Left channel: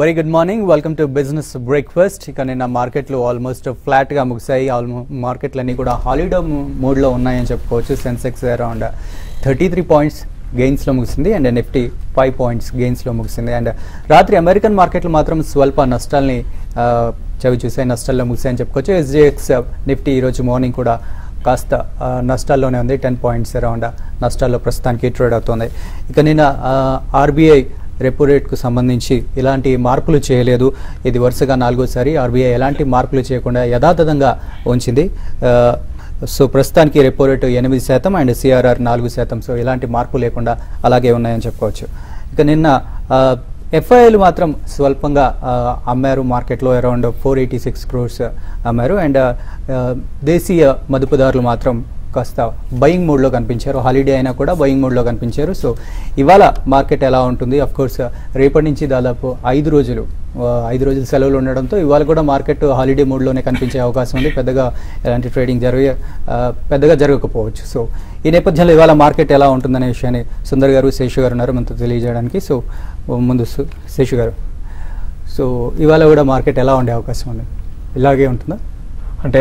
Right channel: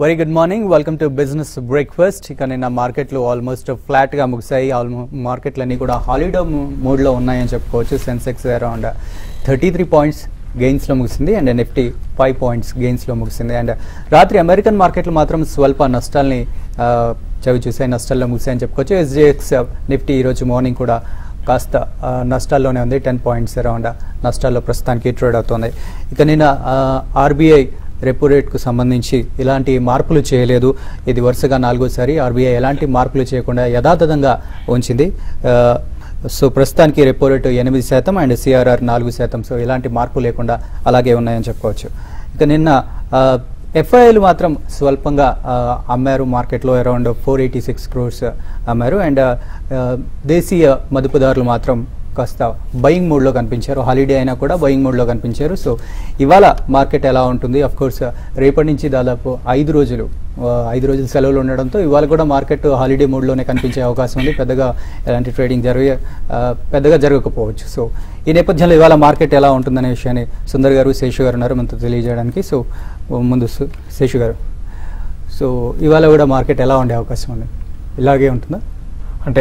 Very good morning. Welcome to Business Breakfast. ఇక నిన్న మార్కెట్లు ఆల్మోస్ట్ ఫ్లాట్ గా ముగిసాయి. మార్కెట్లన్నీ కూడా హాలిడే మూడ్ లో ఉన్నాయని చెప్పుకోవచ్చు. సెన్సెక్స్ అరౌండ్ 33 పాయింట్స్ గెయిన్స్ లో ముగిసింది అండ్ నిఫ్టీ 5 పాయింట్స్ గెయిన్స్ లో ముగిసింది. అండ్ రాత్రి అమెరికన్ మార్కెట్లు మాత్రం స్వల్ప నష్టాల్ని చవి చూసే నష్టాల్లో ముగిసాయని చెప్పుకోవచ్చు. SGX నిఫ్టీ ఈ రోజు మార్నింగ్ కూడా కాస్త నష్టాల్లోనే ఉంది. 10 పాయింట్స్ అరౌండ్ నష్టాల్లో ప్రస్తుతానికి ట్రేడ్ అవుతుంది. ఇక నిన్న RBI రెపో రేట్ కు సంబంధించి ఇలాంటి మార్పులు చేయలేదు. ఇది వరుసగా 4వసారి RBI ఎలాంటి మార్పులు చేయకుండా యథాతథంగా ఉంచింది. సో ప్రస్తుతానికి repo rate 8% and CRR 4%. So ఇలాంటి మార్పు లేకుండా అలాగే ఉన్నాయని చెప్పుకోవచ్చు. ఇక నిన్న FIIలు మాత్రం స్వల్పంగా అమ్మారు. మార్కెట్లో అరౌండ్ 486 crores అమ్మారు. అండ్ దేశీయ మదుపుదారులు మాత్రం కాస్త బయింగ్ మూడ్ లో కనిపించారు. హాలిడే అయినా కూడా బయింగ్ మూడ్ లో కనిపించారు. సో ఇవాళ మార్కెట్ ఎలా ఉంటుంది? అఫ్ కోర్స్ రేపటి నుంచి దాదాపు 5 రోజులు సెలవులు ఉండడంతో ఇవాళ కూడా మార్కెట్ హాలిడే మూడ్ లోనే కనిపించే అవకాశం ఉంది. పెద్దగా ఎలాంటి ట్రేడింగ్ పెద్దగా జరగకపోవచ్చు. సో ఈ నేపథ్యంలో ఇవాళ మార్కెట్ ఎలా ఉంటుందనే విషయాన్ని సుందర్ గారు, శేషు గారు ఉన్నారు మనతో తెలియజేయడానికి. సో ముందు శేషు గారు, సో ఇవాళ కూడా మార్కెట్ ఎలా ఉండే అవకాశం ఉంది? ఇలాగే ఉంటుందా? అంటే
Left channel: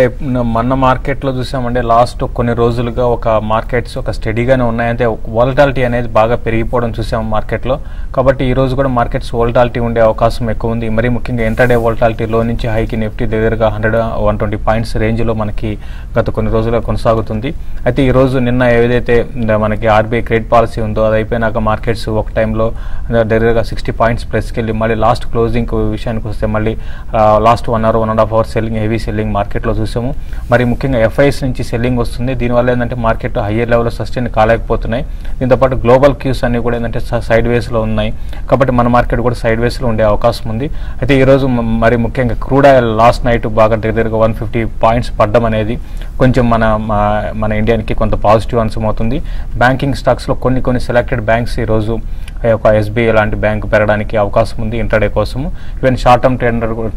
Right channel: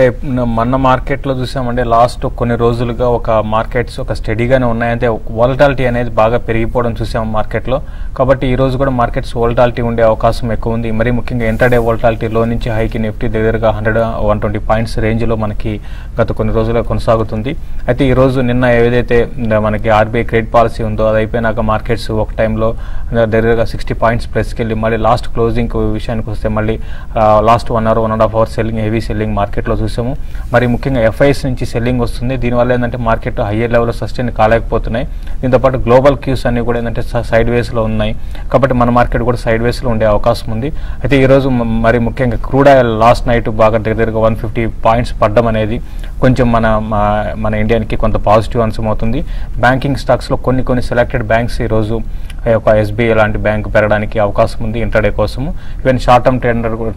మన మార్కెట్ లో చూసామంటే లాస్ట్ కొన్ని రోజులుగా ఒక మార్కెట్స్ ఒక స్టడీగానే ఉన్నాయంటే వాలటాలిటీ అనేది బాగా పెరిగిపోవడం చూసాం మార్కెట్ లో. కాబట్టి ఈ రోజు కూడా మార్కెట్స్ వాలటాలిటీ ఉండే అవకాశం ఎక్కువ ఉంది. మరి ముఖ్యంగా ఇంటర్డే వాలటాలిటీ లో నుంచి హైకి నిఫ్టీ దగ్గరగా 100-120 పాయింట్స్ రేంజ్ లో మనకి గత కొన్ని రోజులుగా కొనసాగుతుంది. అయితే ఈ రోజు నిన్న ఏదైతే మనకి RBI క్రెడిట్ పాలసీ ఉందో అది అయిపోయినాక మార్కెట్స్ ఒక టైంలో దగ్గరగా 60 పాయింట్స్ ప్లస్కి వెళ్ళి మళ్ళీ లాస్ట్ క్లోజింగ్ విషయానికి వస్తే మళ్ళీ last 1 hour 1.5 hours selling, heavy selling market లో చూసాము. మరి ముఖ్యంగా FIs నుంచి సెల్లింగ్ వస్తుంది. దీనివల్ల ఏంటంటే మార్కెట్ హైయర్ లెవెల్ సస్టైన్ కాలేకపోతున్నాయి. దీంతో పాటు గ్లోబల్ క్యూస్ అన్ని కూడా ఏంటంటే సైడ్ వేస్ లో ఉన్నాయి. కాబట్టి మన మార్కెట్ కూడా సైడ్ వేస్ లో ఉండే అవకాశం ఉంది. అయితే ఈ రోజు మరి ముఖ్యంగా క్రూడ్ ఆయిల్ లాస్ట్ నైట్ బాగా దగ్గరగా 150 పాయింట్స్ పడ్డం అనేది కొంచెం మన ఇండియాకి కొంత పాజిటివ్ అంశం అవుతుంది. బ్యాంకింగ్ స్టాక్స్ లో కొన్ని సెలెక్టెడ్ బ్యాంక్స్ ఈ రోజు ఒక SBI లాంటి బ్యాంకు పెరగడానికి అవకాశం ఉంది ఇంటర్డే కోసం. ఈవెన్ షార్ట్ టర్మ్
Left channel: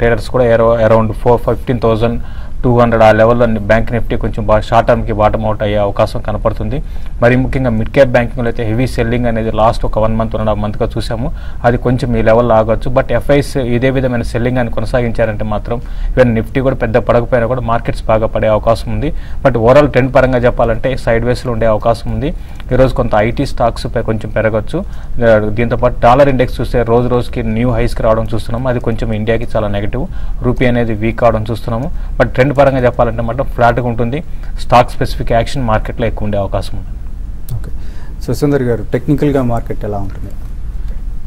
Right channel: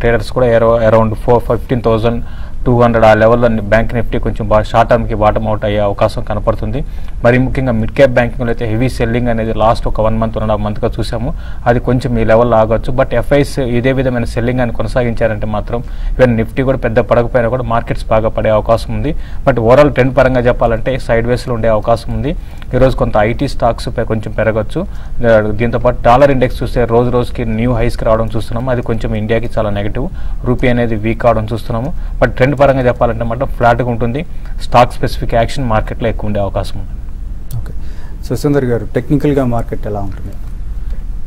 ట్రేడర్స్ కూడా అరౌండ్ 15,200 ఆ లెవెల్లో బ్యాంక్ నిఫ్టీ కొంచెం షార్ట్ టర్మ్ కి బాటమ్ అవుట్ అయ్యే అవకాశం కనపడుతుంది. మరి ముఖ్యంగా మిడ్ క్యాప్ బ్యాంకింగ్ అయితే హెవీ సెల్లింగ్ అనేది లాస్ట్ ఒక 1 month 1.5 month గా చూసాము. అది కొంచెం ఈ లెవెల్ ఆగొచ్చు. బట్ FIs ఇదే విధమైన సెల్లింగ్ అని కొనసాగించారంటే మాత్రం ఈవెన్ నిఫ్టీ కూడా పెద్ద పడకపోయినా కూడా మార్కెట్స్ బాగా పడే అవకాశం ఉంది. బట్ ఓవరాల్ ట్రెండ్ పరంగా చెప్పాలంటే సైడ్ వేస్ లో ఉండే అవకాశం ఉంది. ఈ రోజు కొంత IT స్టాక్స్ కొంచెం పెరగచ్చు. దీంతో పాటు డాలర్ ఇండెక్స్ చూస్తే రోజు రోజుకి న్యూ హైస్ కి రావడం చూస్తున్నాము. అది కొంచెం ఇండియాకి చాలా నెగిటివ్. రూపీ అనేది వీక్ అవడం చూస్తున్నాము. బట్ ట్రెండ్ పరంగా చెప్పాలంటే మాత్రం ఫ్లాట్ గా ఉంటుంది. స్టాక్ స్పెసిఫిక్ యాక్షన్ మార్కెట్ లో ఎక్కువ ఉండే అవకాశం ఉంది. సో సుందర్ గారు, టెక్నికల్ గా మార్కెట్ ఎలా ఉంటుంది?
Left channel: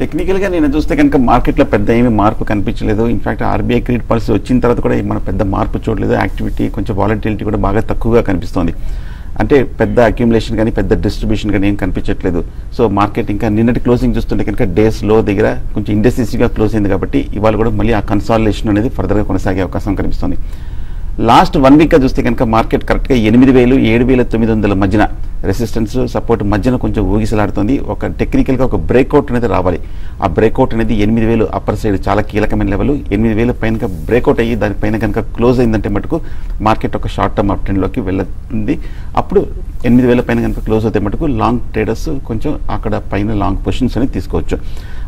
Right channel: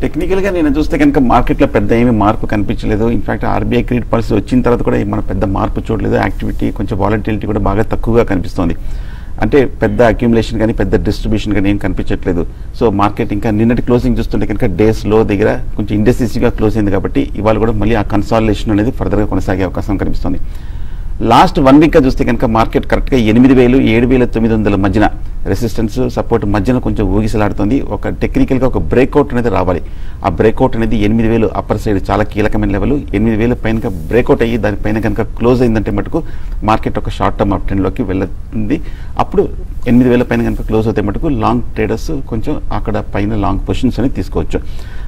టెక్నికల్ గా నేను చూస్తే కనుక మార్కెట్ లో పెద్ద ఏమీ మార్పు కనిపించలేదు. ఇన్ఫాక్ట్ RBI క్రెడిట్ పాలసీ వచ్చిన తర్వాత కూడా మన పెద్ద మార్పు చూడలేదు. యాక్టివిటీ కొంచెం వాలటిలిటీ కూడా బాగా తక్కువగా కనిపిస్తుంది. అంటే పెద్ద అక్యుములేషన్ కానీ పెద్ద డిస్ట్రిబ్యూషన్ కానీ ఏం కనిపించట్లేదు. సో మార్కెట్ ఇంకా నిన్నటి క్లోజింగ్ చూస్తుంటే కనుక డేస్ లో దగ్గర కొంచెం ఇండెసిసివ్ గా క్లోజ్ అయింది. కాబట్టి ఇవాళ కూడా మళ్ళీ ఆ కన్సాలిడేషన్ అనేది ఫర్దర్ గా కొనసాగే అవకాశం కనిపిస్తుంది. లాస్ట్ 1 week గా చూస్తే కనుక మార్కెట్ కరెక్ట్ గా 8,000 7,900 మధ్యన రెసిస్టెన్స్ సపోర్ట్ మధ్యన కొంచెం ఊగిసలాడుతుంది. ఒక టెక్నికల్ గా ఒక బ్రేక్అవుట్ అనేది రావాలి. ఆ బ్రేక్అవుట్ అనేది 8,000 అప్పర్ సైడ్ చాలా కీలకమైన లెవెల్. 8,000 పైన బ్రేక్అవుట్ అయ్యి దానిపైన కనుక క్లోజ్ అయిందంటే మటుకు మార్కెట్ ఒక షార్ట్ టర్మ్ అప్ ట్రెండ్ లోకి వెళ్ళింది. అప్పుడు 8,000 పైన కనుక క్లోజ్ అవుతాయి మటుకు లాంగ్ ట్రేడర్స్ కొంచెం అక్కడ పైన లాంగ్ పొజిషన్స్ అని తీసుకోవచ్చు.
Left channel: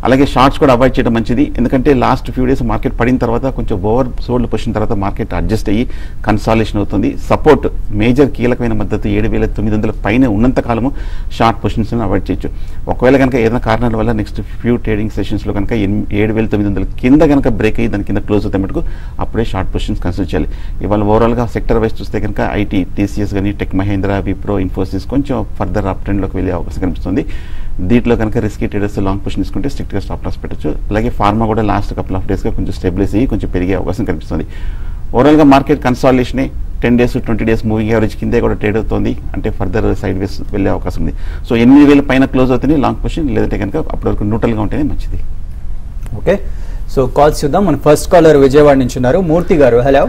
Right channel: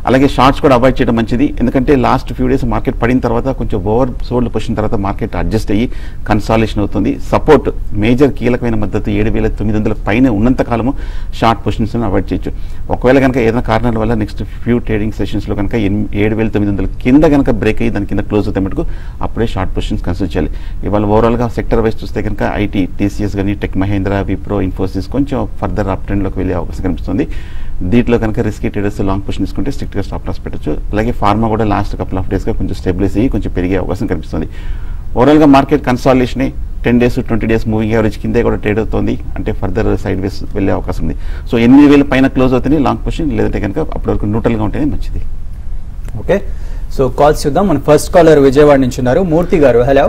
అలాగే షార్ట్స్ కూడా అవాయిడ్ చేయడం మంచిది. ఎందుకంటే లాస్ట్ ఫ్యూ డేస్ మార్కెట్ పడిన తర్వాత కొంచెం ఓవర్ సోల్డ్ పొజిషన్ తర్వాత మార్కెట్ అడ్జస్ట్ అయ్యి కన్సాలిడేషన్ అవుతుంది. సపోర్ట్ మేజర్ కీలకమైన మద్దతు 7,900 పైన ఉన్నంత కాలము షార్ట్ పొజిషన్స్ అవాయిడ్ చేయొచ్చు. ఒకవేళ కనుక ఏదైనా కారణాల వల్ల నెక్స్ట్ ఫ్యూ ట్రేడింగ్ సెషన్స్ లో కనుక 7,900 కింద కనుక బ్రేక్ అయ్యి దాని కింద క్లోజ్ అవుతాయి మటుకు అప్పుడే షార్ట్ పొజిషన్స్ కన్సిడర్ చేయాలి. ఇవాళ ఓవరాల్ గా సెక్టర్ వైజ్ చూస్తే కనుక IT, TCS కానీ టెక్ మహేంద్ర, విప్రో, ఇన్ఫోసిస్ కొంచెం ఫర్దర్ అప్ ట్రెండ్ లోకి వెళ్ళే అవకాశం కనిపిస్తుంది. దీంట్లో కనుక రిస్కీ ట్రేడర్స్ లాంగ్ పొజిషన్ తీసుకుంటే స్ట్రిక్ట్ గా స్టాప్ లాస్ పెట్టచ్చు. అలాగే ఫార్మా కూడా లాస్ట్ కపుల్ ఆఫ్ డేస్ గా కొంచెం స్టెబిలైజ్ అయ్యి కొంచెం పెరిగే అవకాశం కనిపిస్తుంది. ఓవరాల్ గా market consolidation 10 days 20 days moving average కిందే కూడా ట్రేడ్ అవుతుంది. అంటే ఫర్దర్ సైడ్ వేస్ వెళ్లే అవకాశం ఉంది. సో 8,000 పైన క్లోజ్ అవుతుంది లాంగ్ పొజిషన్, లేదంటే కనుక అప్పటి వరకు న్యూట్రల్ గా ఉంటేనే మంచిది. ఓకే, సో కాల్స్ చూద్దాం. మన ఫస్ట్ కాలర్ విజయవాడ నుంచి ఉన్నారు, మూర్తి గారు. హలో.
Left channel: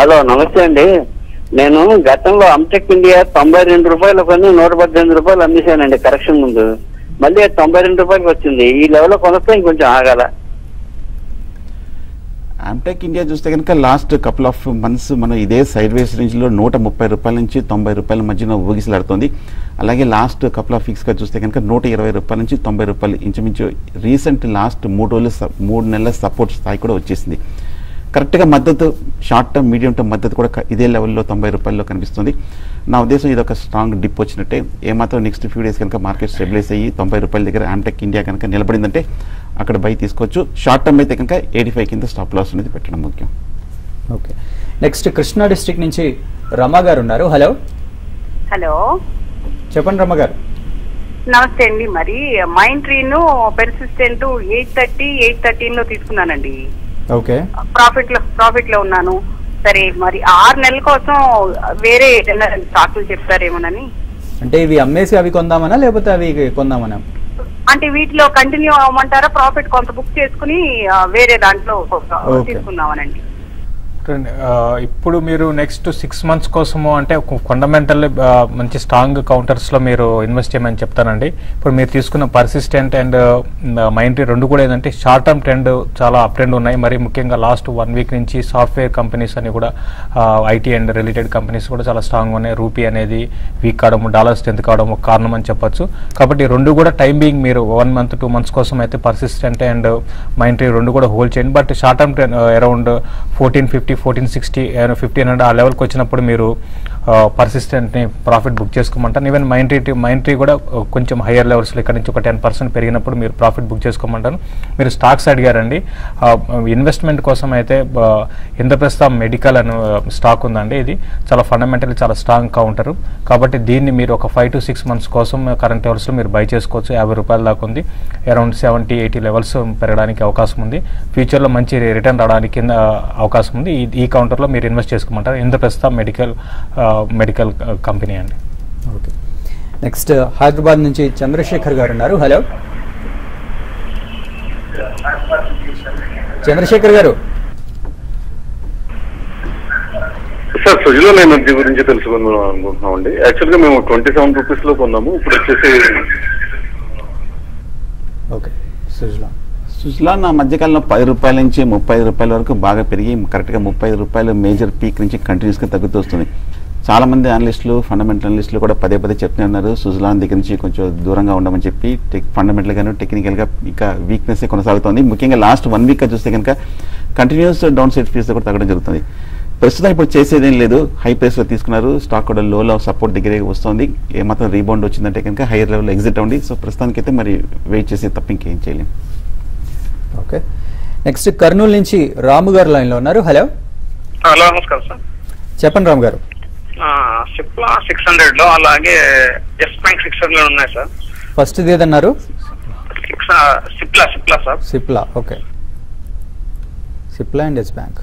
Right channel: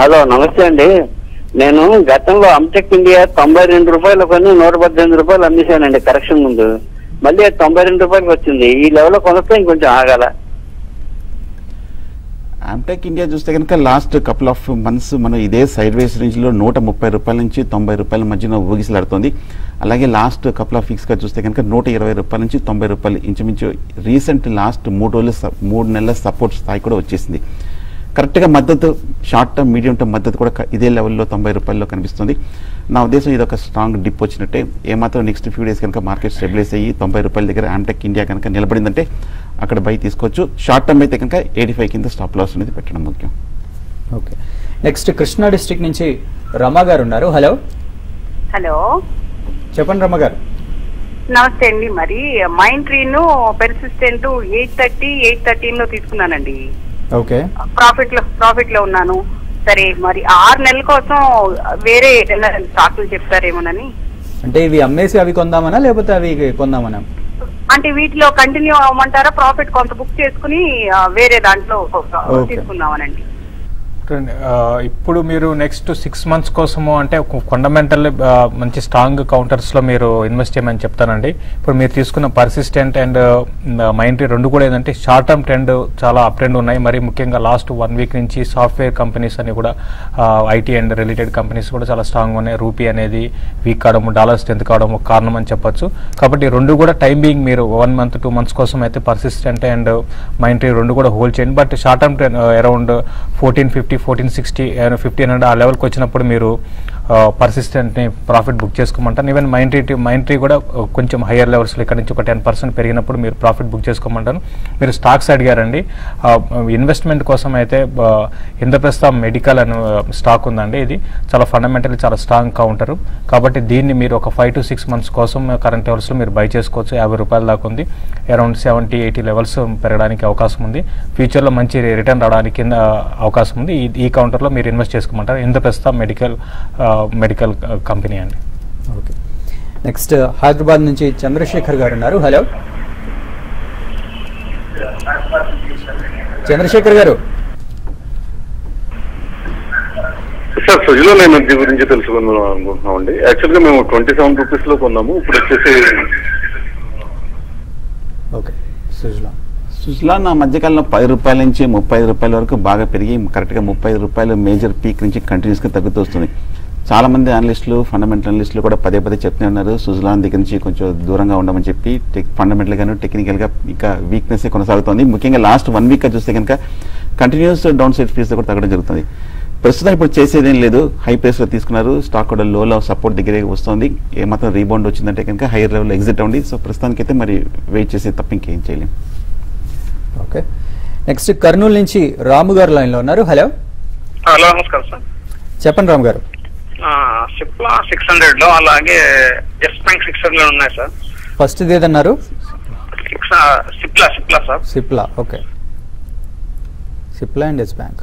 హలో, నమస్తే అండి. నేను గతంలో అమ్టెక్ ఇండియా 92 రూపాయలు పైన 118 రూపాయలు అమ్మేశానండి కరెక్షన్ ముందు. మళ్ళీ 92 రూపాయలకి వచ్చింది. ఈ లెవెల్ కొనస్తే ఇంకొంచెం ఆగాల. ఆమ్టెక్ ఇండియా చూస్తే కనుక లాస్ట్ కపుల్ ఆఫ్ మంత్స్ మనం ఇదే సైడ్ వేస్ రేంజ్ లో 130 రూపాయల నుంచి 90 రూపాయల మధ్యన ఊగిసలాడుతుంది. అలాగే లాస్ట్ కపుల్ ఆఫ్ వీక్స్ గా చూస్తే కనుక 120 రూపాయల నుంచి 90 రూపాయలు ఇంచుమించు రీసెంట్ లాస్ట్ 3 నెలల సపోర్ట్ స్థాయి కూడా వచ్చేసింది. కరెక్ట్ గా మద్దతు షార్ట్ టర్మ్ మీడియం టర్మ్ మద్దతు కూడా ఇదే లెవెల్లో 90 రూపాయల్లో కనిపిస్తుంది. నా ఉద్దేశం ఇది ఒక స్ట్రాంగ్ డిప్ వచ్చినట్టే. ఏమాత్రం నెక్స్ట్ ఫ్యూ డేస్ కనుక మార్కెట్ స్టెబిలైజ్ అయ్యి 90 రూపాయల దగ్గర ఆమ్టెక్ ఇండియా కనుక నిలబడిందంటే అక్కడ బై తీసుకోవచ్చు. షార్ట్ టర్మ్ అయితే కనుక 85 కింద స్టాప్ లాస్ అనేది పెట్టడం ముఖ్యం. ఓకే, నెక్స్ట్ కృష్ణా డిస్ట్రిక్ట్ నుంచి రమా గారు ఉన్నారు. హలో హలో, చెప్పండి రమా గారు. నమస్తే అండి. మరి మైండ్ ట్రీను పెర్సిస్టెంట్ 813 లో తీసుకున్నానండి. ఓకే, ప్రాఫిట్ లో ఉన్నాను. సరే, మరి 6 నెలల కోసం వేరే ఏదైనా స్టాకులు చెప్తారేమోనని. అంటే ఇవి అమ్మేసి అవి కొందామనా లేకపోతే అవి కొందామనా? అంటే వీటిలో కంటిన్యూ అవ్వమంటారా? ప్రాఫిట్ కొంత బుక్ చేసుకుని వేరే దాంట్లో తీసుకుందామనండి. ఇప్పుడు మీరు నెక్స్ట్ 6 months కోసము అంటే ఫండమెంటల్ మంచి స్ట్రాంగ్ కౌంటర్స్ లో మీరు ఇన్వెస్ట్ చేయమని చెప్తానండి. ఇప్పుడు మీరు తీసుకున్న పర్సిస్టెంట్ అండ్ మైండ్ రెండు కూడా ఏంటంటే షార్ట్ టర్మ్ ట్రెండ్ చాలా అప్ ట్రెండ్ ఉన్నాయి. మరి ముఖ్యంగా లాస్ట్ 1 week నుంచి సాఫ్ట్వేర్ కంపెనీస్ అని కూడా ఐటీ అండ్ రిలేటెడ్ కంపెనీస్ కూడా చాలా స్ట్రాంగ్ ఉన్నాయి. రూపీ అనేది వీక్ కావడము, డాలర్ స్ట్రెంత్ కావడము కారణం అని చెప్పొచ్చు. కాబట్టి రెండు కూడా టైమింగ్ మీరు 1 month 2 months కోసం అయితే పర్సిస్టెంట్ అండ్ మైండ్ రెండు కూడా హోల్డ్ చేయండి. But short term trend around 1450 1460 1500 ఆ లెవెల్కి వచ్చినప్పుడు మీరు పర్సిస్టెంట్ ని ప్రాఫిట్ బుక్ చేసుకోమంటాను. ఈవెన్ మైండ్ ట్రీ కూడా కొంచెం హయ్యర్ లెవెల్స్ లో ఇక్కడ నుంచి ఒక 10% పెరిగినప్పుడు మీరు ప్రాఫిట్ బుక్ చేసుకోమంటాను. మీరు స్టాక్స్ అడిగారండి. ఇన్వెస్ట్మెంట్ కోసం అయితే ఇంద్రప్రస్థ మెడికల్ అని స్టాక్ ఉందండి. ఇది చాలా ఫండమెంటల్ చాలా స్ట్రాంగ్ కౌంటర్. కాబట్టి దీన్ని మీరు ఒక 5 to 6 months కోసం కరెంట్ లెవెల్స్ మీరు బై చేసుకోవచ్చు. 50 రూపాయల దాకా ఉంది. అరౌండ్ 70-80 లెవెల్స్ పెరగడానికి అవకాశం ఉంది. ఫ్యూచర్ లో మంచి రిటర్న్ రావడానికి అవకాశం ఉంది. ఈ కౌంటర్ లో మీరు ఇన్వెస్ట్ చేసుకోమంటారు. ఇంద్రప్రస్థ మెడికల్ కంపెనీ అండి. ఓకే, నెక్స్ట్ హైదరాబాద్ నుంచి చంద్రశేఖర్ గారు ఉన్నారు. హలో చంద్రశేఖర్ గారు. సార్, సుజలా నేను దీని గురించి తెలుసుకుందామండి. యాక్చువల్లీ మేము 27 రూపీస్ లో కొన్నాము. ఇప్పుడు వచ్చేసి ఓకే, సుజలా నా మధ్యకాలంలో 10 రూపాయల నుంచి 35 రూపాయల వరకు బాగా పెరిగి కరెక్ట్ గా 35 రూపాయల మేజర్ పీక్ నుంచి కంటిన్యూస్ గా తగ్గుతూ వస్తుంది. చాలా మంది అనలిస్టులు ఫండమెంటల్ అనలిస్టులు కూడా పదే చెప్తూనే ఉన్నారు సుజలా దగ్గర నుంచి కొంచెం దూరంగా ఉండమని చెప్పి. ఫండమెంటల్ గాను టెక్నికల్ గా ఇంకా వీక్నెస్ కొనసాగుతోంది. ముఖ్యంగా లాస్ట్ 1 week చూస్తే కనుక కంటిన్యూస్ డౌన్ సైడ్ ఫీస్ కూడా తగ్గడం జరుగుతుంది. ప్రస్తుతం ఇప్పుడు చేసేదేం లేదు. హై ప్రైస్ లో తీసుకున్నారు. స్టాక్ కూడా లోలో సపోర్ట్ దగ్గరే వస్తుంది. ఏమాత్రం రీబౌండ్ వచ్చిందంటే కనుక హైయర్ లెవెల్ ఎగ్జిట్ అవ్వండి. సో ప్రస్తుతానికి అయితే మరి వెయిట్ చేసే తప్ప ఇంకేం చేయలేము. ఓకే, నెక్స్ట్ కర్నూలు నుంచి రాము గారు లైన్ లో ఉన్నారు. హలో హలో, నమస్కారం సార్. చెప్పండి రాము గారు. సిప్లా 600 లో, అలాగే ఎస్ బ్యాంక్ 600 లో ఉన్నాయి సార్. ఫస్ట్ ఏదన్నారు? Cipla sir. Cipla. Okay, Cipla and Yes Bank.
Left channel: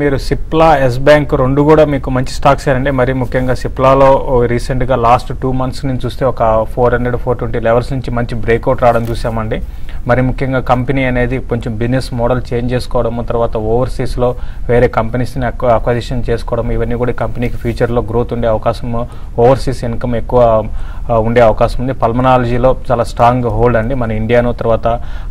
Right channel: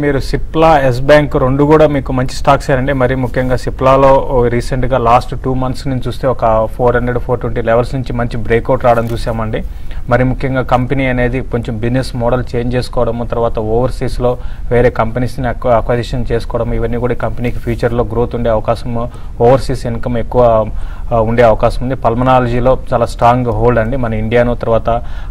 మీరు సిప్లా, ఎస్ బ్యాంక్ రెండు కూడా మీకు మంచి స్టాక్స్ అండి. మరి ముఖ్యంగా సిప్లాలో రీసెంట్ గా లాస్ట్ 2 months నుంచి చూస్తే ఒక 400-420 లెవెల్స్ నుంచి మంచి బ్రేక్అవుట్ రావడం చూసామండి. మరి ముఖ్యంగా కంపెనీ అనేది కొంచెం బిజినెస్ మోడల్ చేంజ్ చేసుకోవడము, తర్వాత ఓవర్సీస్ లో వేరే కంపెనీస్ ని అక్వజిషన్ చేసుకోవడం, ఇవన్నీ కూడా కంపెనీకి ఫ్యూచర్ లో గ్రోత్ ఉండే అవకాశం, ఓవర్సీస్ ఇన్కమ్ ఎక్కువ ఉండే అవకాశం ఉంది. పల్మనాలజీలో చాలా స్ట్రాంగ్ హోల్డ్ అండి మన ఇండియాను, తర్వాత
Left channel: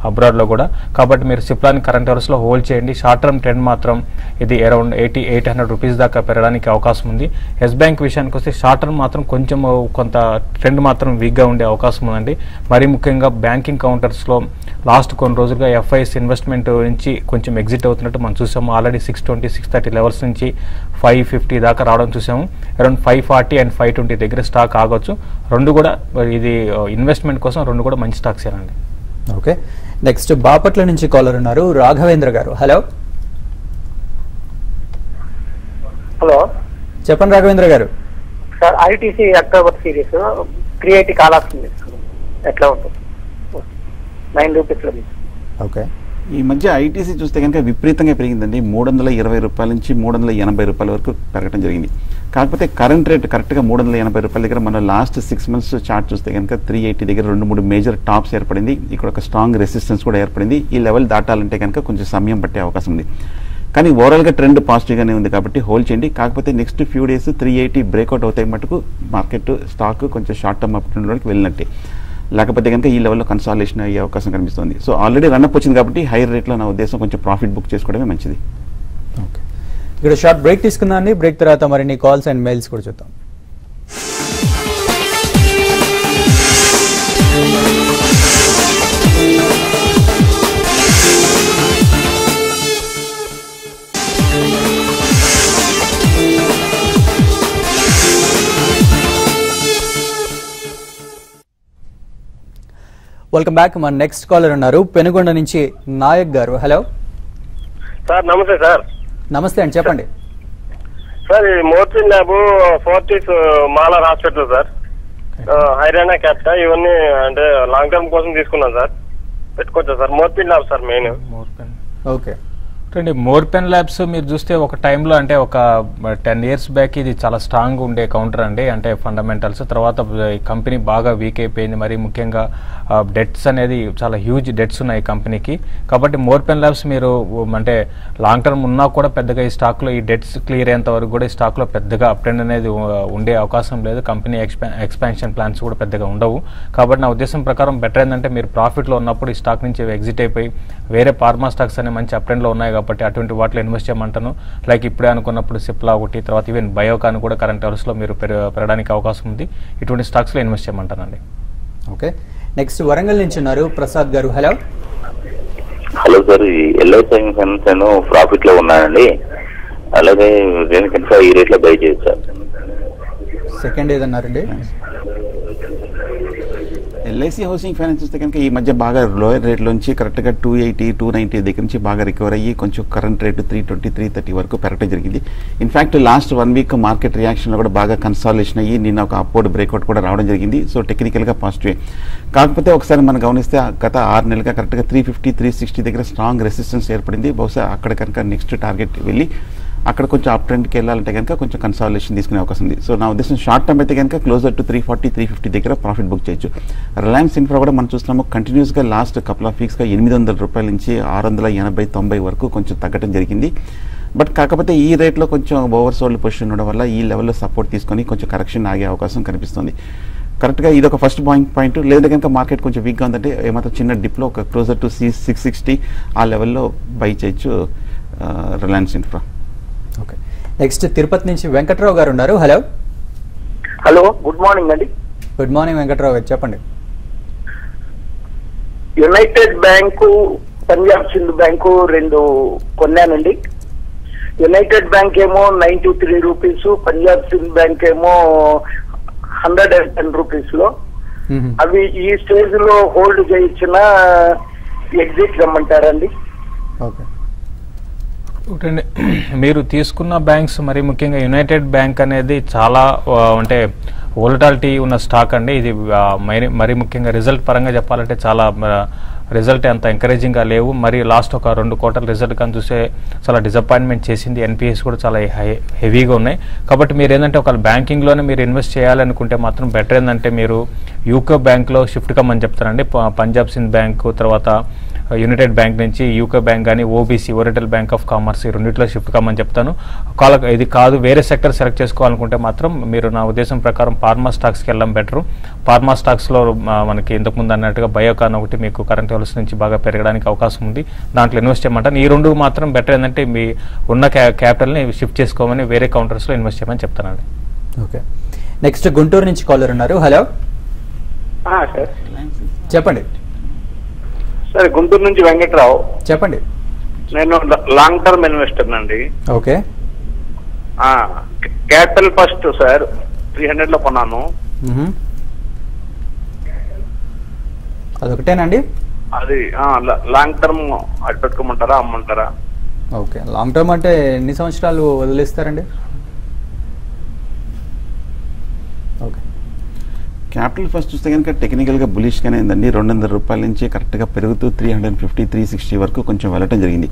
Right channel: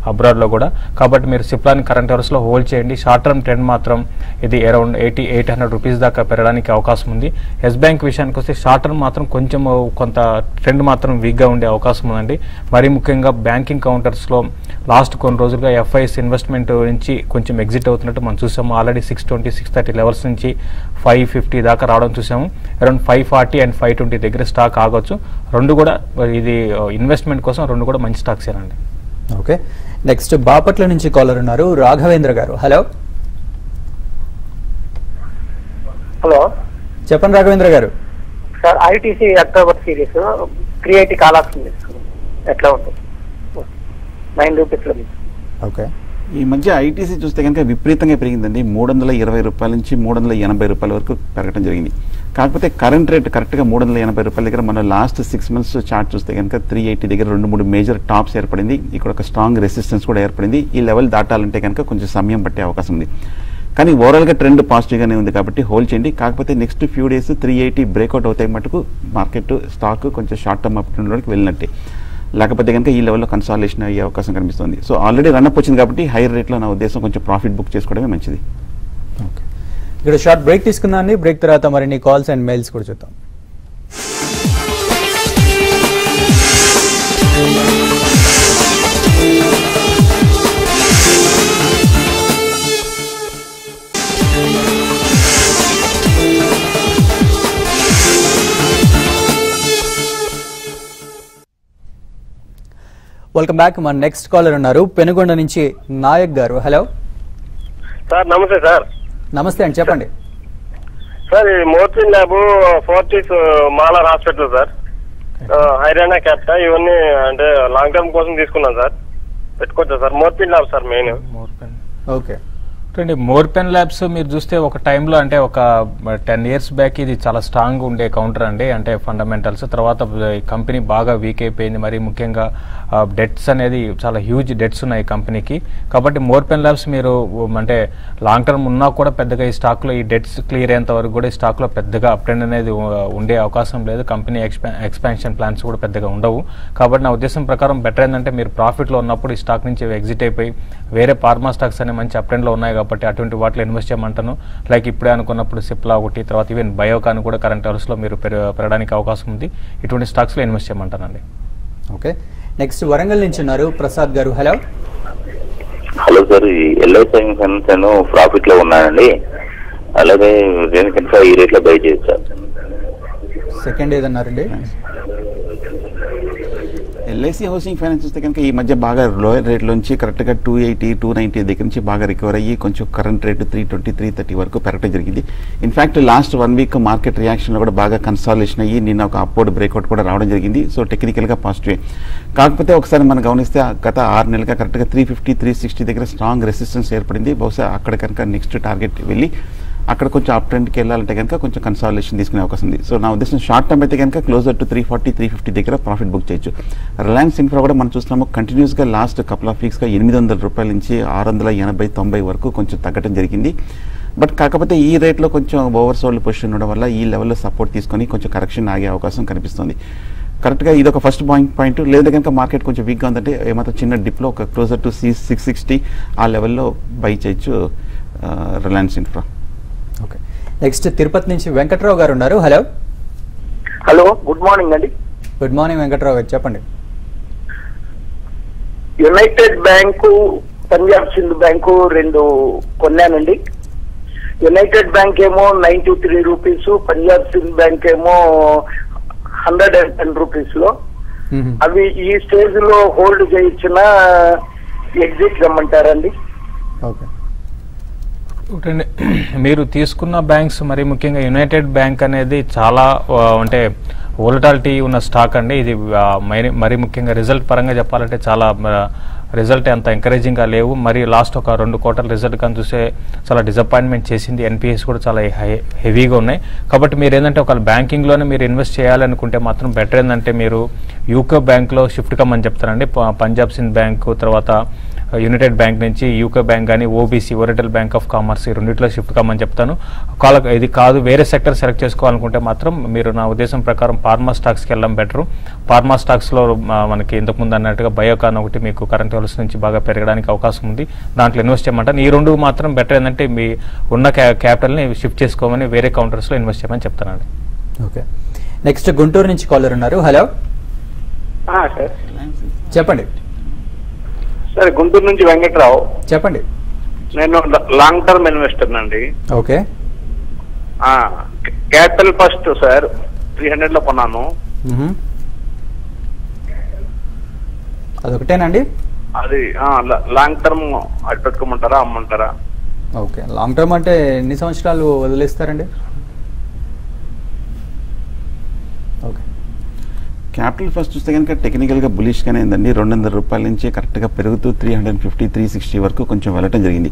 అబ్రాడ్ లో కూడా. కాబట్టి మీరు సిప్లాని కరెంట్ అవర్స్ లో హోల్డ్ చేయండి. షార్ట్ టర్మ్ ట్రెండ్ మాత్రం ఇది అరౌండ్ 80-800 రూపీస్ దాకా పెరగడానికి అవకాశం ఉంది. ఎస్ బ్యాంక్ విషయానికి వస్తే షార్ట్ టర్మ్ మాత్రం కొంచెం కొంత ట్రెండ్ మాత్రం వీక్ గా ఉండే అవకాశం ఉందండి. మరి ముఖ్యంగా బ్యాంకింగ్ కౌంటర్స్ లో లాస్ట్ కొన్ని రోజులుగా ఎఫ్ఐఎస్ ఇన్వెస్ట్మెంట్ నుంచి కొంచెం ఎగ్జిట్ అవుతున్నట్టు మనం చూసాము. ఆల్రెడీ 620-630 లెవెల్స్ నుంచి 550 దాకా రావడం చూసాము. అరౌండ్ 540 and 520 దగ్గర స్టాక్ ఆగొచ్చు. రెండు కూడా ఇది ఇన్వెస్ట్మెంట్ కోసం రెండు కూడా మంచి స్టాక్స్ ఏనండి. ఓకే, నెక్స్ట్ బాపట్ల నుంచి కాలర్ ఉన్నారు రాఘవేంద్ర గారు. హలో హలో, చెప్పండి రాఘవేంద్ర గారు. Sir ITC October series 380 call option ఎట్లా ఉంటుంది? 9 రూపీస్ లో. ఓకే, ఈ మధ్య ఐటీసీ చూస్తే కనుక విపరీతంగా పెరిగిందండి. 320 రూపాయల నుంచి 380 రూపాయల వరకు పెరగడం జరిగింది. కాకపోతే కరెంట్ రేట్ కరెక్ట్ గా 380 రూపాయల దగ్గర మన లాస్ట్ 6 months చార్ట్ చూస్తే కనుక 380 దగ్గర 2-3 మేజర్ టాప్స్ ఏర్పడింది. ఇక్కడ ఒక స్ట్రాంగ్ రెసిస్టెన్స్ కూడా ఏర్పడింది. ఈ లెవెల్ దాటాలంటే కనుక కొంచెం సమయం పట్టే అవకాశం ఉంది. కానీ ఓవరాల్ గా ట్రెండ్ పాజిటివ్ గానే ఉంది కాబట్టి హోల్డ్ చేయండి. కాకపోతే నెక్స్ట్ ఫ్యూ డేస్ 380 బ్రేక్అవుట్ అవుతాయి మటుకు మార్కెట్ స్టాక్ కొంచెం షార్ట్ టర్మ్ అప్ ట్రెండ్ వెళ్ళినట్టే. లేకపోతే కనుక ఈ లెవెల్లో కన్సాలేషన్ అయ్యే అవకాశం కనిపిస్తుంది. సో ఆల్రెడీ రన్అప్ వచ్చింది కాబట్టి హైయర్ రేట్ లో నా ఉద్దేశం కొంచెం ప్రాఫిట్ బుక్ చేసుకోవడమే మంచిది. ఇక్కడ షార్ట్ బ్రేక్ తీసుకుందాం. బ్రేక్ తర్వాత మరిన్ని కాల్స్ అండ్ మెయిల్స్ కూడా చూద్దాం. Welcome back. మన నెక్స్ట్ కాలర్ ఉన్నారు పెనుగొండ నుంచి నాయక్ గారు. Hello sir. నమస్తే సార్. నమస్తే అండి, చెప్పండి సార్. ఈ మోర్చింగ్ ల్యాబ్ ఫోర్టీస్ మాలా హాస్పిటల్ సార్, హైరానా క్యాప్టా ఇవన్నీ అంటే లాంగ్ టర్మ్ కోసం తీసుకున్నాను సార్. పెట్టుకోవచ్చు సార్. మోర్చింగ్ ల్యాబ్ సార్ మెయిన్. ఓకే. మోర్పెన్ ల్యాబ్స్ మీరు చూస్తే ఒక టైంలో అంటే ఒక 10 years బ్యాక్ ఇది చాలా స్ట్రాంగ్ ఉండే కౌంటర్ అండి. అంటే ఫండమెంటల్స్ తర్వాత కంపెనీ బాగా వీక్ అయిపోయింది. మరి ముఖ్యంగా డెట్స్ అనేది చాలా హ్యూజ్ డెట్స్ ఉన్నాయి కంపెనీకి. కాబట్టి మోర్పెన్ ల్యాబ్స్ మీరు అంటే లాంగ్ టర్మ్ ఉన్నా కూడా పెద్దగా ఈ స్టాక్ లో ఈ డెట్స్ క్లియర్ అయ్యేంత వరకు కూడా ఈ స్టాక్ లో పెద్దగా అప్ ట్రెండ్ అనేది ఉండే అవకాశం లేదు. కంపెనీ ఎక్స్పాన్షన్ ప్లాన్స్ కూడా పెద్దగా ఉండవు. కాబట్టి నా ఉద్దేశం ప్రకారం బెటర్ ఏంటంటే మీరు ప్రాఫిట్ లో ఉన్నప్పుడు ఈ స్టాక్ నుంచి ఎగ్జిట్ అయిపోయి వేరే ఫార్మా స్టాక్స్ అనే మంచి అప్ ట్రెండ్ లో ఉన్నాయి కాబట్టి అటువంటి వాటిలో ఇన్వెస్ట్ చేయమంటాను. లైక్ ఇప్పుడే అనుకున్నప్పుడు సిప్లా ఒకటి, తర్వాత ఈవెన్ బయోకాన్ కూడా కరెంట్ అవర్స్ లో మీరు పెరగడానికి అవకాశం ఉంది. ఇటువంటి స్టాక్స్ లో ఇన్వెస్ట్ చేయమంటానండి. ఓకే. నెక్స్ట్ వరంగల్ నుంచి ఉన్నారు ప్రసాద్ గారు. Hello hello sir. ఈ ఎల్ఐసి ఫైనాన్స్ నేను ప్రాఫిట్ లో ఉన్నానండి. అలాగే నేను కనుక ఈ రేట్ లో బై చేయొచ్చు సార్. సెకండ్ ఏదన్నారండి? ఎల్ఐసి హౌసింగ్ ఫైనాన్స్ చూస్తే కనుక ఈ మధ్య బాగా లోయర్ రేట్ నుంచి కరెక్ట్ గా 280, 290 దగ్గర నుంచి బాగా రికవర్ అయ్యి కొంచెం కరెంట్ రేటు 320, 330 వరకు పెరగడం జరిగింది. In fact last 1 week market reaction కూడా బాగా కన్సాలేషన్ అయ్యి నిన్న ఒక అప్వర్డ్ బ్రేక్అవుట్ కూడా రావడం జరిగింది. సో టెక్నికల్ గా పాజిటివ్. కాకపోతే ఒకసారి మనం గమనిస్తే గత 6 నెలలుగా కరెక్ట్ గా 350, 360 దగ్గర స్ట్రాంగ్ రెసిస్టెన్స్ ఏర్పడింది. బహుశా అక్కడ కనుక నెక్స్ట్ టార్గెట్ వెళ్ళి అక్కడ కొంచెం అప్ ట్రెండ్కి వెళ్ళాలంటే కనుక కొంచెం కన్సాలేషన్ తీసుకునే అవకాశం ఉంది. సో నా ఉద్దేశం షార్ట్ టర్మ్ అయితే కనుక క్లోజర్ టు 340, 350 దగ్గర ప్రాఫిట్ బుక్ చేయొచ్చు. రిలయన్స్ ఇన్ఫ్రా కూడా మనం చూస్తున్నాము కంటిన్యూస్ గా లాస్ట్ కపుల్ ఆఫ్ వీక్స్ గా 800 రూపాయల నుంచి 680, 90 వరకు కొంచెం తగ్గడం జరిగింది. బట్ కాకపోతే ఈ రేట్ లో కొంచెం ఓవర్ సోల్డ్ పొజిషన్ ఉండడం వల్ల ఈ లెవెల్లో సపోర్ట్ తీసుకొని కొంచెం కరెక్షన్ ఆగే అవకాశం కనిపిస్తుంది. కరెక్ట్ గా ఇది ఒక ఫస్ట్ పాయింట్. లేదా కనుక మార్కెట్ కొంచెం వీక్ గా ఉందంటే ఏమాత్రం చిన్న డిప్ లో ఒక క్లోజర్ టు 660 ఆ లెవెల్లో బై చేయొచ్చు Reliance infra. Okay. Next Tirupati నుంచి వెంకట్రావు గారు ఉన్నారు. హలో హలో, గుడ్ మార్నింగ్ అండి. గుడ్ మార్నింగ్ వెంకట్రావు గారు, చెప్పండి. United bank, Punjab Sindh bank రెండు కొన్నానండి. యునైటెడ్ బ్యాంక్ ఏమో 93 రూపీస్, పంజాబ్ సింధ్ బ్యాంక్ ఏమో 110 రూపీస్ లో. అవి ఈ స్టేజ్ లో హోల్డ్ చేయించిన ఎగ్జిట్ రమ్మంటారండి. ఓకే. మీరు తీసుకున్న బ్యాంక్స్ మరి ముఖ్యంగా యునైటెడ్ బ్యాంక్ అనేది చాలా అంటే వోలటాలిటీ ఉన్న స్టాక్ అండి. ఇది మరి ముఖ్యంగా రిజల్ట్ పరంగా చెప్పాలంటే చాలా రిజల్ట్ అంత ఎంకరేజింగ్ గా లేవు. మరి లాస్ట్ ఒక 2 quarter రిజల్ట్ కానీ చూస్తే చాలా డిసప్పాయింట్మెంట్ చేసింది. ఎన్పిఎస్ కూడా చాలా హెవీగా ఉన్నాయి. కాబట్టి మీరు ఏంటంటే ఒక బ్యాంకింగ్ లోనే మీరు ఇన్వెస్ట్ చేయాలనుకుంటే మాత్రం బెటర్ ఏంటంటే మీరు యూకో బ్యాంక్ లో షిఫ్ట్ కమ్మని చెప్తారండి. పంజాబ్ సింధ్ బ్యాంక్ తర్వాత యునైటెడ్ బ్యాంక్ నుంచి యూకో బ్యాంక్ కానీ ఓబీసీ ఓరిటల్ బ్యాంక్ ఆఫ్ కామర్స్ ఈ రెండింటిలో షిఫ్ట్ కామని చెప్తాను. ఇది కాదు వేరే సెక్టర్ సెలెక్ట్ చేసుకోవాలనుకుంటే మాత్రం మీరు నా ఉద్దేశం ప్రకారం ఫార్మా స్టాక్స్కి వెళ్ళడం బెటర్. ఫార్మా స్టాక్స్ లో మనకి ఇంతకుముందు అన్నట్టుగా బయోకాన్ ఒకటి మీకు కరెంట్ అవర్స్ నుంచి బాగా పెరగడానికి అవకాశం ఉంది. దాంట్లో ఇన్వెస్ట్ చేయమంటాను. ఈ రెండు మాత్రం బెటర్ ఏంటంటే మీ ఉన్న క్యాపిటల్ ని షిఫ్ట్ చేసుకోమని వేరే కౌంటర్స్ లో ఇన్వెస్ట్ చేయమని చెప్తానండి. ఓకే. నెక్స్ట్ గుంటూరు నుంచి కాలర్ ఉన్నారు. హలో చెప్పండి. సార్ గుంటూరు నుంచి వెంకట్రావు, చెప్పండి. నేను లాంగ్ టర్మ్ ఇన్వెస్టర్ అండి. ఓకే. క్యాపిటల్ ఫస్ట్ సార్ 300 లో కొన్నాను. అదొకటేనండి. అది లాంగ్ టర్మ్ అది పెట్టుకోమంటారా అమ్మంటారా? ఓకే. లాంగ్ టర్మ్ అంటే ఎన్ని సంవత్సరాలు వదిలేస్తారండి? క్యాపిటల్ ఫస్ట్ చూస్తే కనుక టెక్నికల్ గా బులిష్ గానే ఉందండి. 200 రూపాయల నుంచి కరెక్ట్ గా పెరుగుతూ 350, 360 వరకు కొంచెం వెళ్ళటం జరిగింది.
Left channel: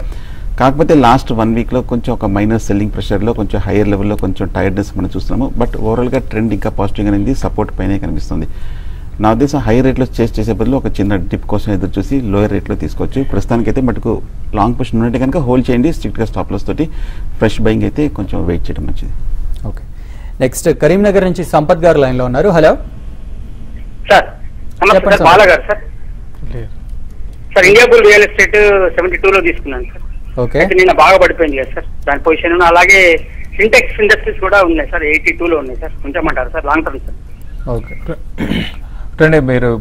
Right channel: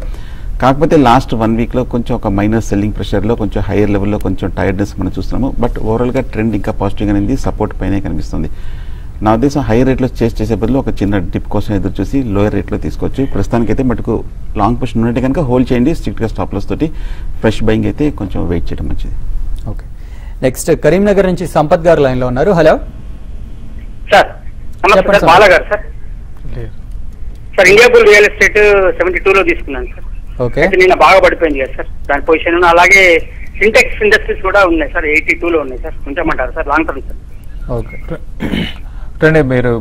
కాకపోతే లాస్ట్ 1 week లో కొంచెం ఒక మైనస్ సెల్లింగ్ ప్రెషర్ లో కొంచెం హైయర్ లెవెల్ లో కొంచెం టైర్డ్నెస్ మనం చూస్తున్నాము. బట్ ఓవరాల్ గా ట్రెండ్ ఇంకా పాజిటివ్ గా ఉంది. సపోర్ట్ పైనే కనిపిస్తుంది. నా ఉద్దేశం హై రేట్ లో చేసే బదులు ఒక చిన్న డిప్ కోసం ఎదురు చూసి లోయర్ రేట్ లో తీసుకోవచ్చు. ప్రస్తుతానికి అయితే మటుకు లాంగ్ పొజిషన్ ఉంటే కనుక హోల్డ్ చేయండి. స్ట్రిక్ట్ గా స్టాప్ లాస్ తోటి ఫ్రెష్ బయింగ్ అయితే కొంచెం వెయిట్ చేయడం మంచిది. ఓకే. నెక్స్ట్ కరీంనగర్ నుంచి సంపత్ గారు లైన్ లో ఉన్నారు. Hello sir. నమస్తే బాలా గారు. సార్ ఇండియా రియల్ ఎస్టేట్ 72 లో తీసుకున్నాను సార్. ఓకే. నిన్న బాగా పడిపోయింది కదా సార్ దాని పొజిషన్. అలాగే సింటెక్స్ ఇండస్ట్రీస్ కూడా ఉన్నాయి సార్, 82 లో ఉన్నాయి సార్. ఉంచమంటారు sir long term sir? Okay. అంటే మీరు